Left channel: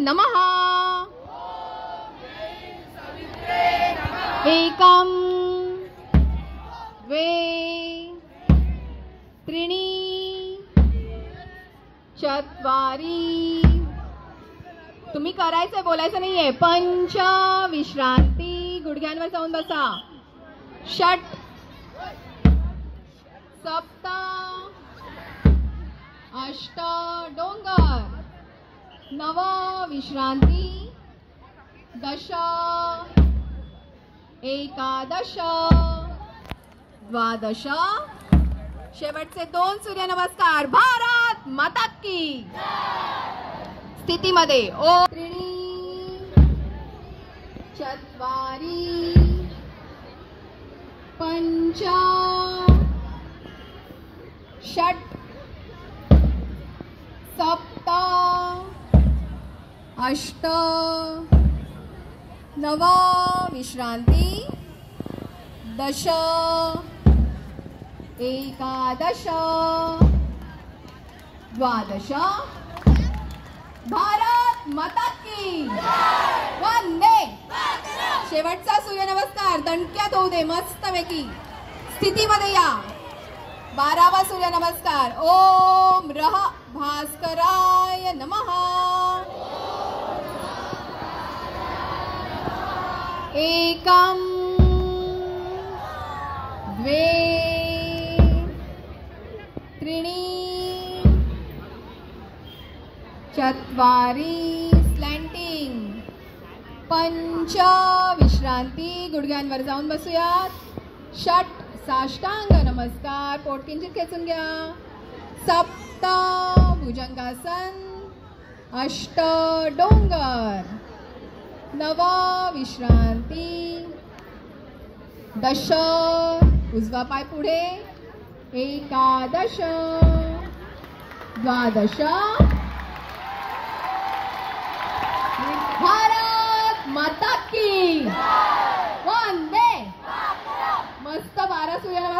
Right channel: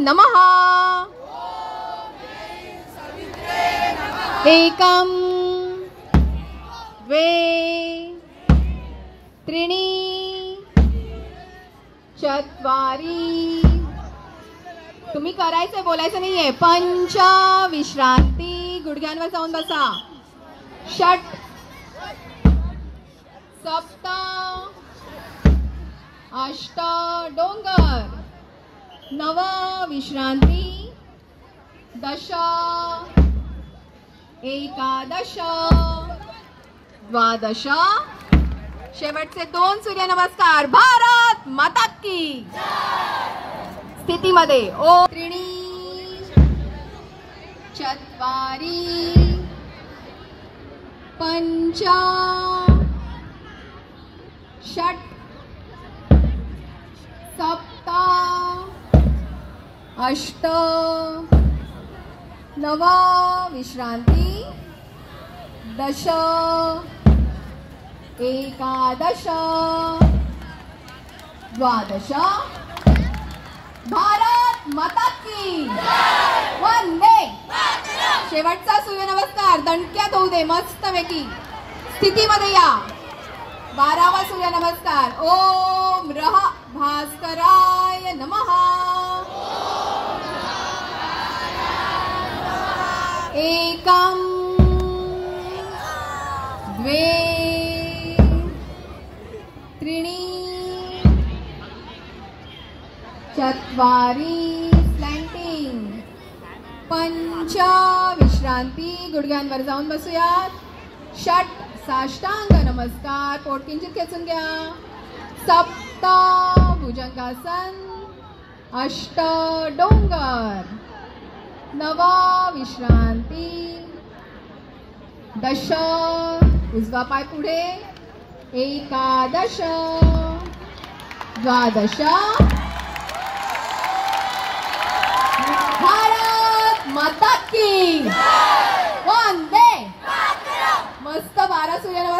नमः। एकम द्वे त्रीणि चत्वारि। तुम्ही करायचं बोलायचं नाहीये। पंच विश्रांती, गुडघ्यांवर जाऊन बसा। षट सप्त अष्ट डोंगर, नव विश्रांती, दश एकादश द्वादश। शेवटचे 2 सूर्यनमस्कार। भारत माता की स्थितीमध्ये ओ त्रीणि चत्वारि पंच षट सप्त अष्ट नव विश्रांती, दश एकादश द्वादश। भारत माता की वंदे। शेवटचा सूर्यनमस्कार दणक्यात होऊ दे मस्तपैकी। स्थितीमध्ये या। 12वा सूर्यनमस्कार। ओम रह भास्कराय नमः। एकम द्वे त्रीणि चत्वारि स्लॅन्टिंग, पंच विश्रांती, गुडघ्यांवर जाऊन बसूयात। षट साष्टांग नमस्कार, पोट किंचित खेचून घ्या। सप्त भुजंगासन, अष्ट डोंगर, नव विश्रांती, दश उजवा पाय पुढे, एकादश द्वादश।